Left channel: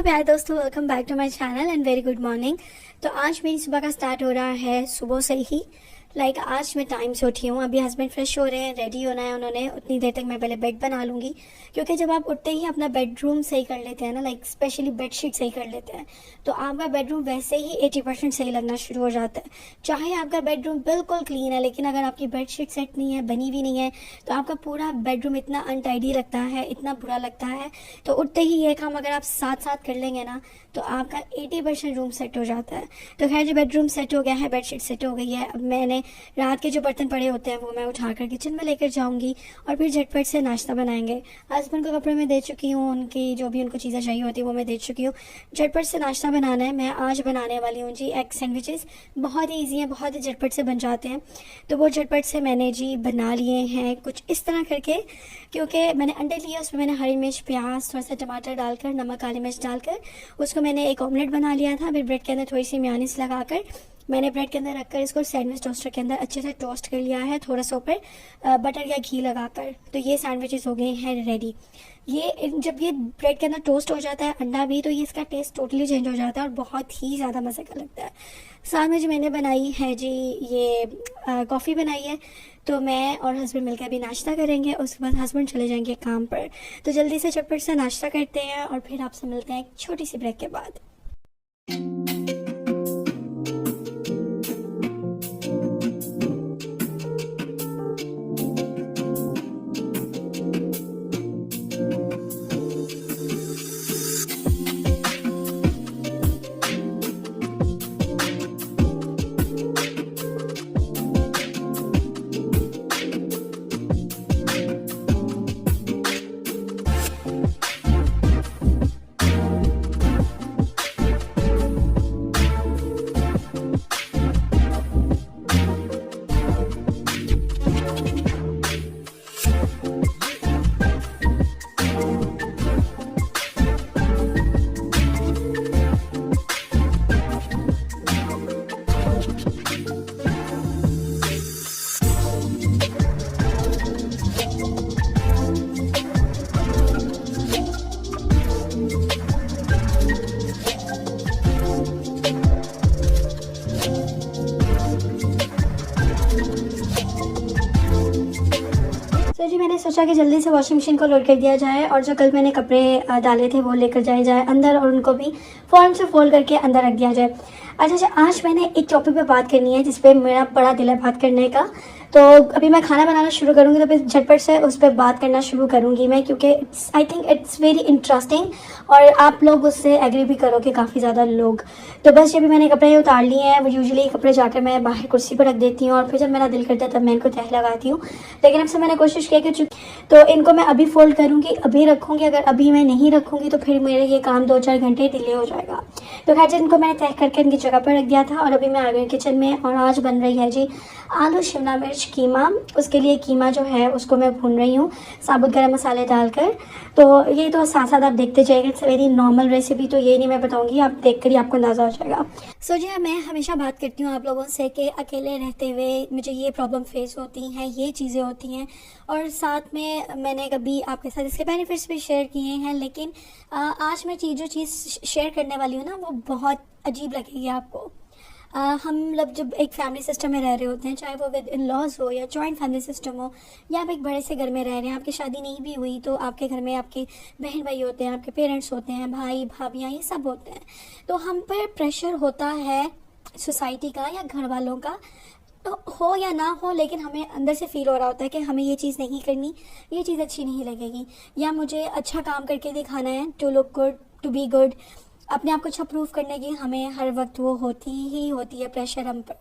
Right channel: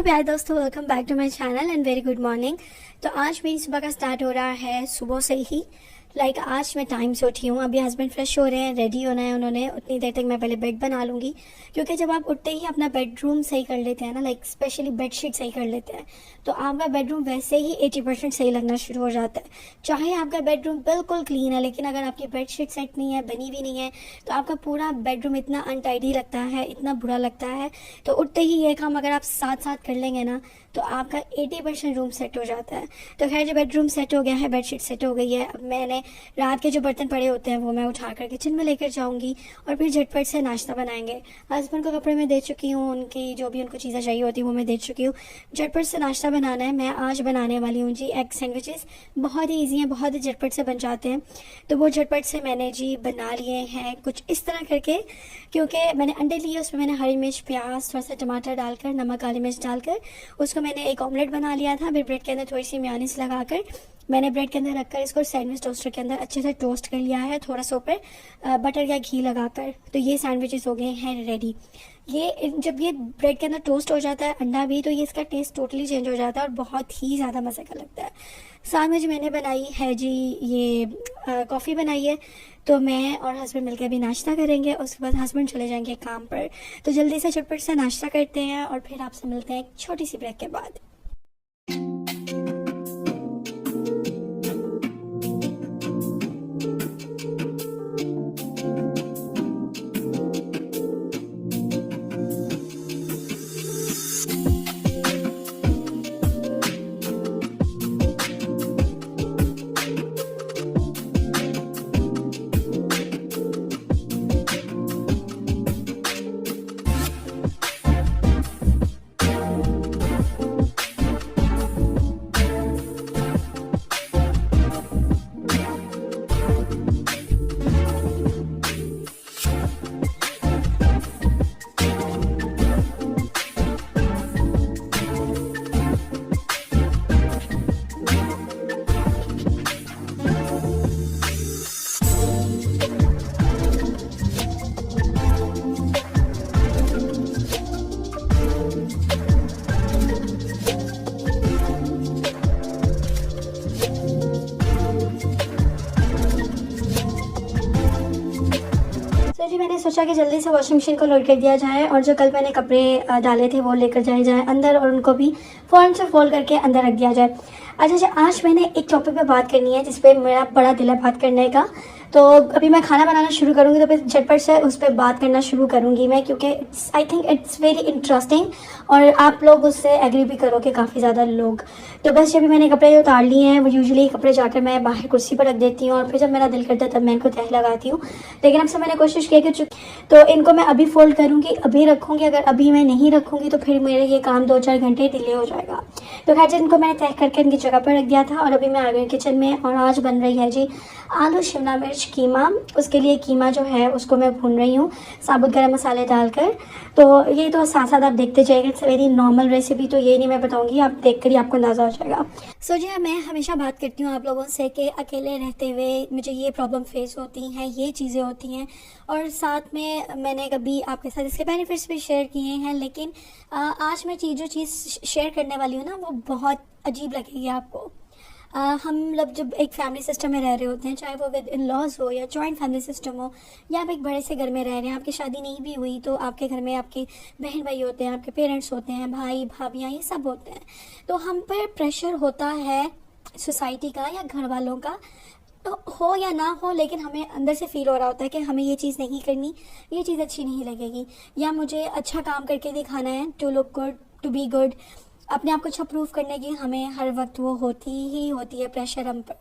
मेरे प्यारे दोस्तों, welcome back to my channel and very good morning. तो आज मेरी सुबह का स्टार्ट हो रहा है सुबह से ही। आज मैं टाइम से उठी हूँ। अभी हस्बैंड फ्रेश हो रहे हैं, रेडी होना है उन्होंने। उतनी देर तक मैं पहले बेड बना लूँगी, क्योंकि जब आप उठते ही अपना बेडरूम सही कर लेते हैं ना, स्पेशली बेडशीट सही कर लेते हैं, तो आपका बेडरूम वैसे ही 80% सही लगना शुरू हो जाता है। चाहे आपका बेडरूम बिल्कुल क्लीन है, लेकिन अगर आपकी बेडशीट सेट नहीं है, बनी भी नहीं है, तो आपका पूरा बेडरूम इतना अनटाइडी लगता है, इतना बुरा लगता है। तो उठते ही ये काम अगर आप साथ साथ कर लेंगे ना, तो आपका 80% रूम सेट हो जाता है। तो खैर, जो बेडरूम सेट हो गया है, बेडशीट सेट हो गई है, अब मैंने रात के जो बर्तन पड़े होते हैं वो मैं उठाकर किचन में लेकर जाऊंगी और फिर झटपट से नाश्ता बनाएंगे। हस्बैंड को कपड़े में दे चुकी हूँ, उनकी जो भी उनको चीज़ें चाहिए होती है वो मैं दे चुकी हूँ। झटपट से नाश्ता बनाना है। मैं आज बनाने वाली हूँ जी एग सैंडविचेस। बहुत ही ईजी हैं, बहुत ही झटपट से बन जाते हैं। तो वो झटपट से मैंने जी बना लिए हैं कुछ इस तरह करके, क्योंकि मैंने अंडे लिए, उसमें मैंने हरी मिर्च, प्याज, थोड़ा सा टमाटर डालकर, नमक, काली मिर्च डालकर उसको मैंने एक ऑमलेट बना लिया था। फिर ब्रेड के अंदर थोड़ी सी मेयोनीज लगाकर मैंने ब्रेड के अंदर रखकर इसको सैंडविच टोस्टर के अंदर अच्छे से टोस्ट कर लिया है, थोड़ा सा ऊपर बटर या घी लगाकर। तो ये सैंडविचेस हो गए हैं रेडी। ये जब ये ब्रेड के अंदर टोस्ट हो जाता है अंडा भी, तो ये इसका टेस्ट टोटली चेंज हो जाता है और बहुत ही ज़्यादा मज़े का लगता है। साथ में जो मैंने बनाई है जी ये कॉफ़ी बनाई है। तो मैं और हस्बैंड मिलकर अभी नाश्ता करेंगे, उसके बाद हस्बैंड चले जाएंगे काम पर। तो जल्दी से झटपट से नाश्ता करते हैं और फिर आपसे मिलते हैं एक छोटी सी ब्रेक के बाद। तो जी मैंने सोचा कि जल्दी से वॉशिंग मशीन को लोड कर दिया जाए और जो कल मैंने कपड़े डाले थे वो लेकर जाए अंदर और उनको भी फौरन से फोल्ड करके अंदर रख दिया जाए। अच्छा, आज मैंने एक टॉपिक पे बात करनी है जिस पे मेरा बड़ा दिल है बात करने का। तो अभी मैं खाना बनाना शुरू करूँगी तो फिर झटपट से उस पर बात करना शुरू करूँगी मैं, क्योंकि I think it's very interesting और आप लोग उससे एग्री भी करोगे, काफ़ी ज़्यादा लोग। तो बस जब भी मैंने कपड़े उतार लिए हैं, वो यूजुअली कपड़े जाकर मैं बाहर कुर्सी पर रख देती हूँ और फिर जब मेरा दिल करता है तब मैं इनको तह लगाती हूँ। लेकिन अब से मैंने कोशिश किया कि तो इनको मैं अभी फोल्ड करूँगी, अभी रखूँगी। अगर अभी मैं नहीं रखूँगी तो फिर मेरे ये काम 2-4 घंटे डिले हो जाएगा। तो खैर, इनको मैंने तह करके इनकी जगह पर रख दिया था और अभी मैं आ गई किचन में और आज बन रही है जी आलू शिमला मिर्च कीमा। उसके लिए कीमा जो है उसको मैं भून रही हूँ साबुत गरम मसाले डालकर। तो ये तो साथ साथ आप देखते जाइएगा, इट्स वेरी नॉर्मल रेसिपी, तो ये नहीं मैं बताऊंगी, आप देख कर ही आपको अंदाज़ा हो जाएगा। सो जी, मैं हमेशा बात करती हूँ आप लोगों से कि अकेले रहते हुए मुझे ये प्रॉब्लम फेस होती हैं, ये चीज़ें होती हैं, और साथ में मैंने कभी आपके साथ इसके बेनिफिट्स भी शेयर किए हैं। लेकिन आज मैं जो चीज़ शेयर करने वाली हूँ ना, वो बहुत अजीब लगेगी आपको। हम लोग जब एक फैमिली सिस्टम में रह रहे होते हैं, चाहे वो विद इन लॉज हो या जॉइंट फैमिली सिस्टम हो, या आप एक बड़े से घर में रह रहे हैं, आपकी शादी नहीं भी हुई तो आपके घर में आपके बहन भाई होते हैं, आपके पेरेंट्स होते हैं, भाई भाभियाँ, ये सब होते हैं। तो हम पर प्रेशर होता है सोसाइटी का या घर वालों का, तो हो या ना हो, लेकिन हमें अंदर से फील हो रहा होता है कि हमें ये चीज़ नहीं करनी, ये चीज़ अच्छी नहीं लगेगी, या मुझे अच्छा काम करके दिखाना है, to look good, to be good, अपने आप को अच्छा प्रूव करने की हमें हर वक्त वो होती ही होती है प्रेशर हम पर।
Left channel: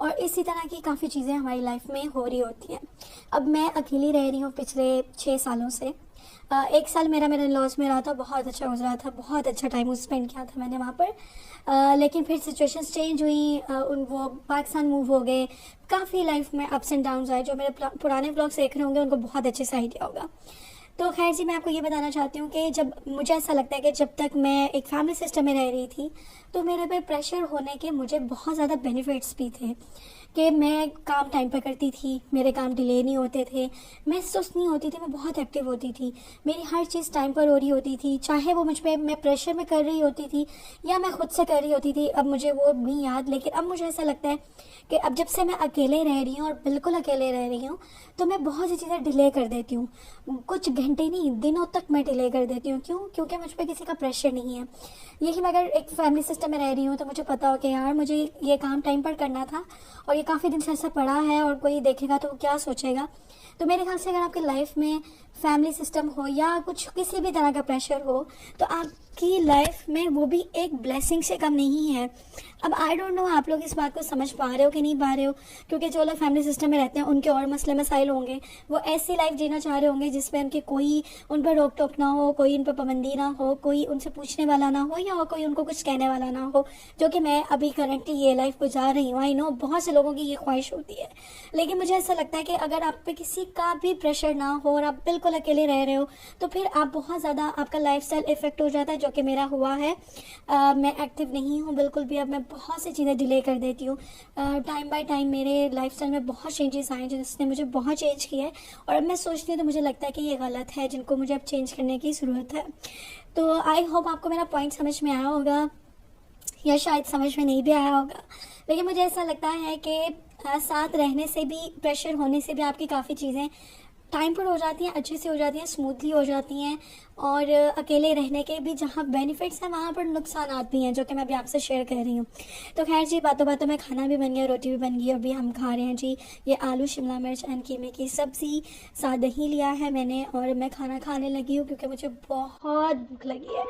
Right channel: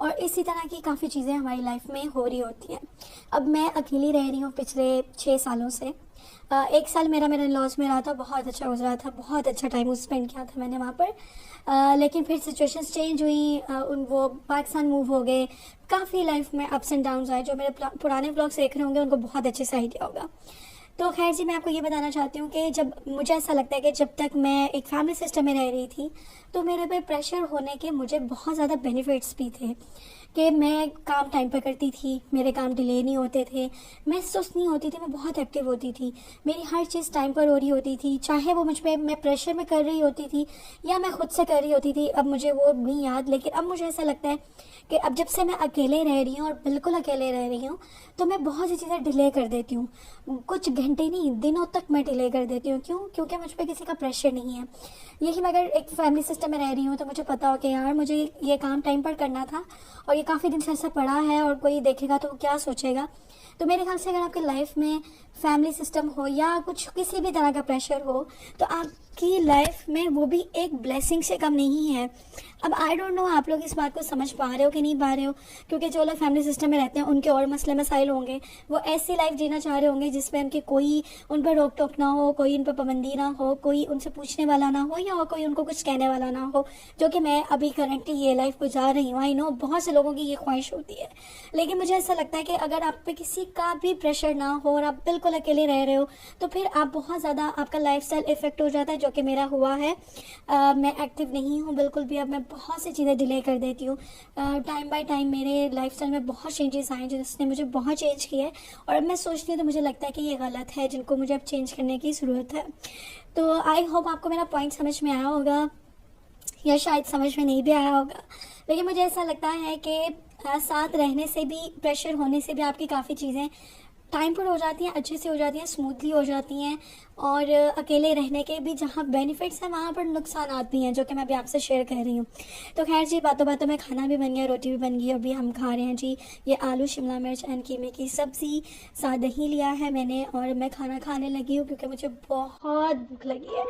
और इसी तरह की काफ़ी चीज़ें हमारी लाइफ में हो रही होती हैं। अब मैं अकेली रह रही हूँ पिछले 6 सालों से। 1 साल मेरे लॉस में रहा था, बहुत अच्छा गुजरा था, बहुत अच्छा टाइम स्पेंड किया था मैंने वहाँ पर। लेकिन फिर सिचुएशंस चेंज हुई, वो पाकिस्तान मूव हो गए, काफ़ी लाइफ में अप्स एंड डाउन्स आए। जो मेरे पुराने ब्लॉग्स देख रहे होंगे उनको बहुत अच्छे से आइडिया होगा। तो खैर जी, मैं आपको ये बताना चाहती हूँ कि जब मुझे ऐसा लगता है कि जब तक मैं एक फैमिली सिस्टम में रह रही थी, तो मेरे पे प्रेशर होने के मुझे बहुत ज़्यादा बेनिफिट्स भी थे कि मैं काम टाइम पर करती थी, मेरे काम डिले नहीं होते थे, मैं सुस्त नहीं होती थी, मैं बहुत एक्टिव होती थी, मेरी हर चीज़ टाइम पर हो रही होती थी, चाहे वो मुझ पे मैं प्रेशर में कर रही होती थी या मैं खुद से कर रही होती थी। अब मुझे वो नहीं याद, लेकिन अब मुझे ऐसा लगता है कि अब जब से मैं अकेले रह रही हूँ और बिल्कुल अकेले रह रही हूँ, तो मैं बहुत सी चीज़ें डिले कर देती हूँ। कुछ घंटे नहीं, दिनों तक मैं डिले कर देती हूँ। क्यों? क्योंकि मुझ पर किसी का प्रेशर नहीं है। यही मैं अगर एक फैमिली सिस्टम में रह रही हूँ तो मुझे पता हो कि यार मुझे ये काम टाइम पर करना था और ये काफ़ी दिन से ऐसा पड़ा है और कोई देखेगा तो क्या सोचेगा। तो मेरे ख्याल से अगर आपकी लाइफ में फैमिली सिस्टम हो या कुछ किसी भी तरह का प्रेशर हो, तो आपकी लाइफ में वो भी एक ब्लेसिंग से कम नहीं है। अब आई डोंट नो आप लोग इस बात को समझ पा रहे हो कि नहीं पा रहे हो, क्योंकि जो लोग फैमिली सिस्टम में रहते हैं उनके और मसले मसाइल होंगे, वो ऐसी लाइफ जीना चाह रहे होंगे जिसमें उनके कोई उन पर रोक टोक ना हो, कोई उन पर पाबंदी ना हो, कोई उनसे पूछने वाला ना हो या कोई उनको कुछ कहने वाला ना हो, जो कि मैं अभी करंटली ये लाइफ गुजार रही हूँ। आई नो बहुत से लोगों की ये ख्वाहिश होती है, लेकिन मुझे ऐसा लगता है कि अगर आप पे किसी का भी प्रेशर ना हो और आप बिल्कुल अकेले रह रहे हो, तो फिर आप बहुत ज़्यादा आपका लाइफस्टाइल इफेक्ट हो जाता है, जो कि मेरा हुआ है। मैं एक्टिव नहीं हूँ बिल्कुल भी। अब मैं बहुत सी चीज़ें डिले कर देती हूँ। टाइम बाय टाइम मेरे लाइफस्टाइल में बहुत चेंजेस आए जिसने मुझे बहुत चेंज किया है, और अब मैं सोचती हूँ तो मुझे लगता है कि ये गलत है, जिनको मुझे अब चेंज करने की ज़रूरत है। तो आई होप आपको मेरा पॉइंट समझ में आया होगा, या शायद समझ में नहीं भी आया होगा, लेकिन मुझे ऐसा लगता है कि साथ रहने से भी, प्रेशर होने से भी आपकी काफ़ी चीज़ें टाइम पर हो जाती हैं, अच्छे से हो जाती हैं, स्मूथली हो जाती हैं। और अकेले रहने के भी जहाँ बेनिफिट्स हैं वहाँ पर नुकसान भी हैं, जो कि मैं अभी आपसे शेयर कर रही हूँ। तो खैर जी, बातों बातों में खाना भी बन गया, रोटी भी बन गई। अभी हम खा रहे हैं जी ये आलू शिमला मिर्च एंड कीमे की सब्ज़ी, साथ दही लिया है मैंने, और मैं खाना खाने लगी हूँ क्योंकि मुझे बहुत भूख लगी है।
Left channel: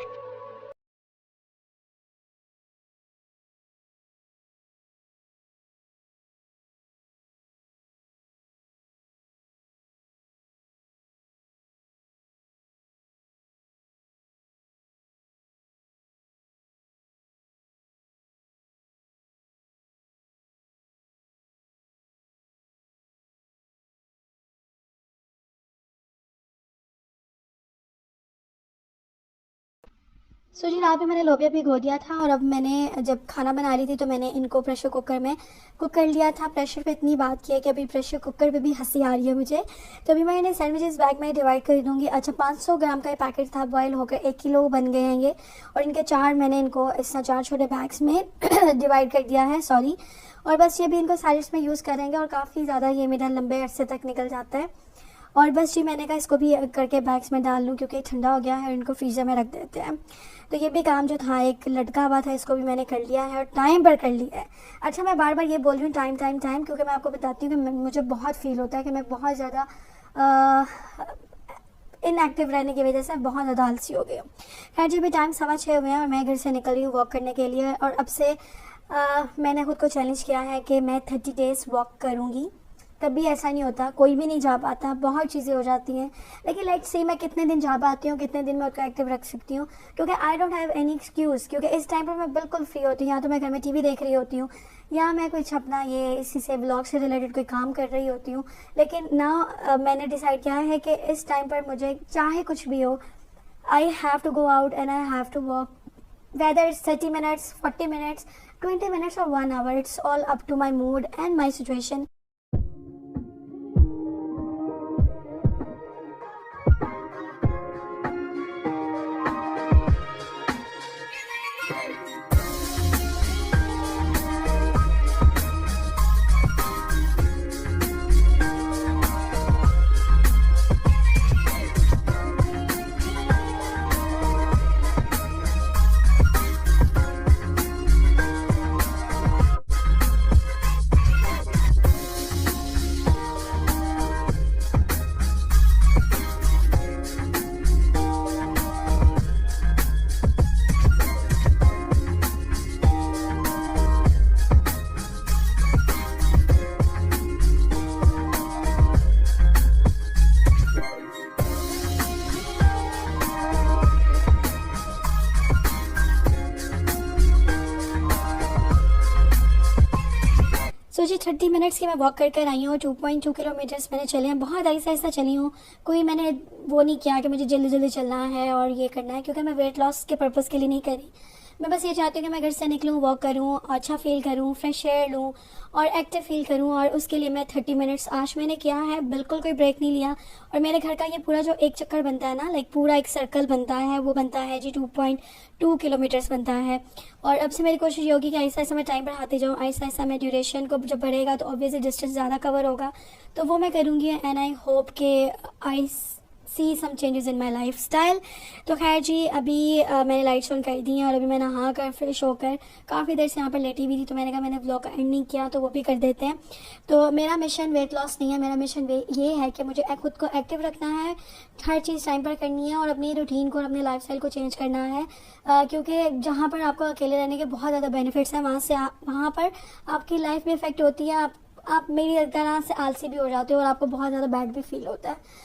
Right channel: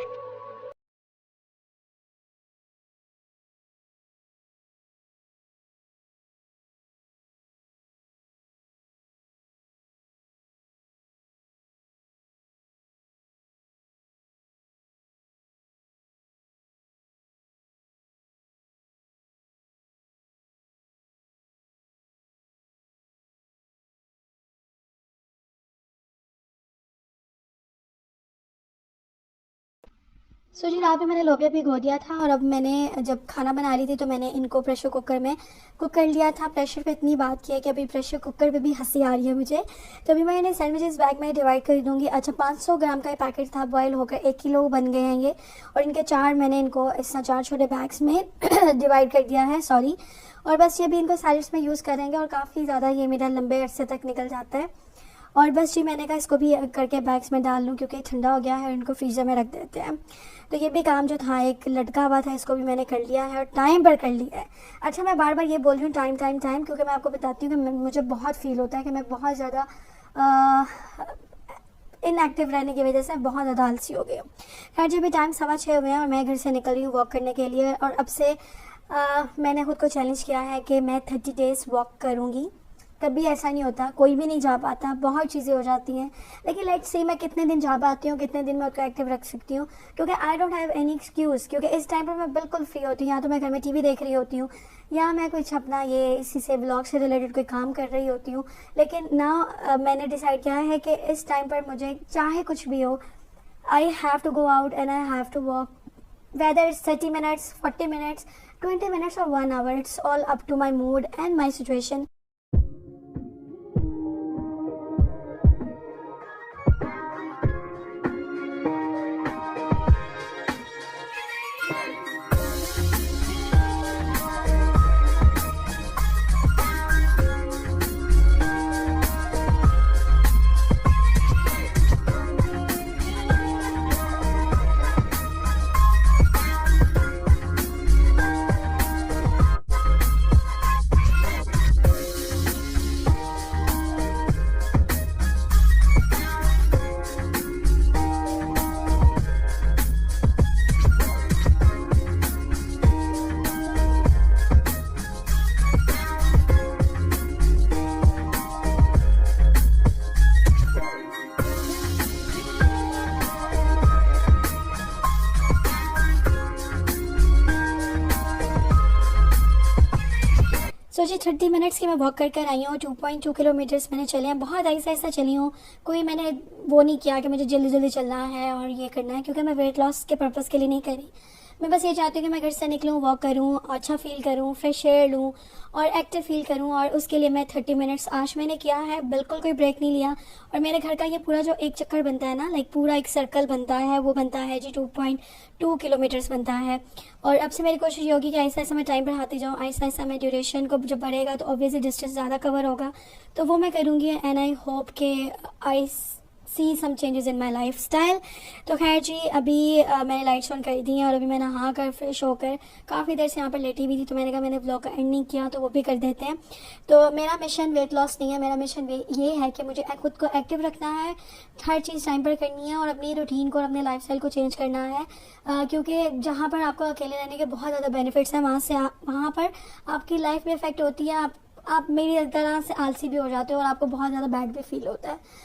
सो जी, रात में मैंने लोबिया भिगो दिया था, और अब मैंने जब खाना बना रही थी तो मैंने इनको प्रेशर कुकर में कुक कर लिया था। प्रेशर पे इतनी बात की है कि अभी प्रेशर कुकर पे भी हंसी आ रही है मुझे। तो अभी मैं इन्हें सैंडविचेस बैग में डिवाइड कर दूँगी। अच्छा, 500 ग्राम का ये पैकेट था, बॉयल होकर 1 किलो बन गए हैं ये, और इनके 4 मैंने इनको इस तरह 4 छोटे बैग्स में डिवाइड कर दिया है, सॉरी। और बस ये भी इनको सैलड्स में यूज़ करेंगे, और काफ़ी ज़्यादा ये मेरा लंबे अरसे तक निकल जाता है। और बस जी, मैंने कहा इसको भी करके बैग्स में डाल लूँ क्योंकि ठंडा हो गया है, इनको फ्रीज़र में रख देते हैं। तो ये भी काम जो था एक लटका हुआ था, इसको भी मैंने कर लिया है और टाइम पर कर लिया है। अच्छा, मैं बार बार ये बोल रही हूँ टाइम टाइम टाइम, क्योंकि मैं आपको बताती हूँ कि मुझे बहुत फील होता है कि मैं बहुत ज़्यादा इनएक्टिव रहने की वजह से बहुत ज़्यादा आलसी हो गई हूँ। खैर जी, भी टाइम 6:15 हुए हैं और मैं घर से निकल रही हूँ वॉक करने के लिए, और अब से मैंने खुद को चैलेंज किया है कि मैं 30 डेज़ वॉक करूँगी। कभी ऐसा नहीं होता, कोई भी नहीं जा पाता, बहुत चीज़ें हो जाती हैं, लेकिन लेट्स सी मैं कितने दिन जा पाती हूँ, कितने दिन मैं उसको एक्टिव रख सकती हूँ, क्योंकि I don't have any excuse. क्योंकि इस टाइम पर मैं बिल्कुल फ्री होती हूँ, या तो मैं घर में टीवी देख रही होती हूँ, या मैं कुछ अपना ये इसी से ब्लॉग से रिलेटेड कोई काम कर रही होती हूँ। लेकिन ना मैंने डिसाइड किया है कि इस टाइम पर मुझे चाहे कुछ भी हो, I have to go out and I have to walk, whether it's 30 minutes, 40 minutes, 20 minutes or 1 hour. It's all up to my mood and my situation. जी 30 मिनट्स की मैं वॉक कर कर आई हूँ। 2.2 किलोमीटर्स मैंने चले हैं, बहुत आहिस्ता आहिस्ता चली हूँ। कोई मैंने वो नहीं किया कि मुझे जल्दी जल्दी चलना है और ये करना है, क्योंकि मैं वेट लॉस के पर्पज़ के लिए नहीं करी। मैं बस ये चाहती हूँ कि मैं घर से निकलूँ, वॉक करूँ, अच्छा फील करूँ, फ्रेश एयर लूँ और एक्टिव फील करूँ। और उसके लिए मैं 30 मिनट्स आज मैंने किया है, बिल्कुल कोई ब्रेक नहीं लिया। और मेरे घर का ये पूरा जो एक चक्कर बनता है ना, लाइक पूरा एक सर्कल बनता है, वो बनता है जी 2.2 किलोमीटर्स बनता है। और अब से मेरी कोशिश ये होगी कि आहिस्ता आहिस्ता मैं टाइम बढ़ाती जाऊँ, आहिस्ता आहिस्ता मैं ड्यूरेशन को जब बढ़ेगा तो ऑब्वियसली डिस्टेंस ज़्यादा कवर होगा, तो वो मैं करूँगी। एंड आई होप के I see some changes in my lifestyle. तो खैर जी, अभी मैंने लाइट्स ऑन कर दी हैं और अभी मैं नहा कर फ्रेश होकर काफ़ी देर से यहाँ पर लेटी हुई थी, तो मैंने कहा मैंने व्लॉग का एंड नहीं किया, तो वो भी कर देते हैं। तो मेरा मिशन वेट लॉस नहीं है, मेरा मिशन ये है कि मुझे खुद को एक्टिव रखना है, हर चीज़ टाइम पर करनी है और अपनी रूटीन को और अपने लाइफस्टाइल को चेंज करना है। क्योंकि जहाँ पर आपको अकेले रहने के बहुत ज़्यादा बेनिफिट्स हैं, वहाँ पर आपकी लाइफ में इफेक्ट होती है। आप मेरी तरह से आलसी भी हो जाते हो और आपको बहुत ज़्यादा बैड भी फील होता है।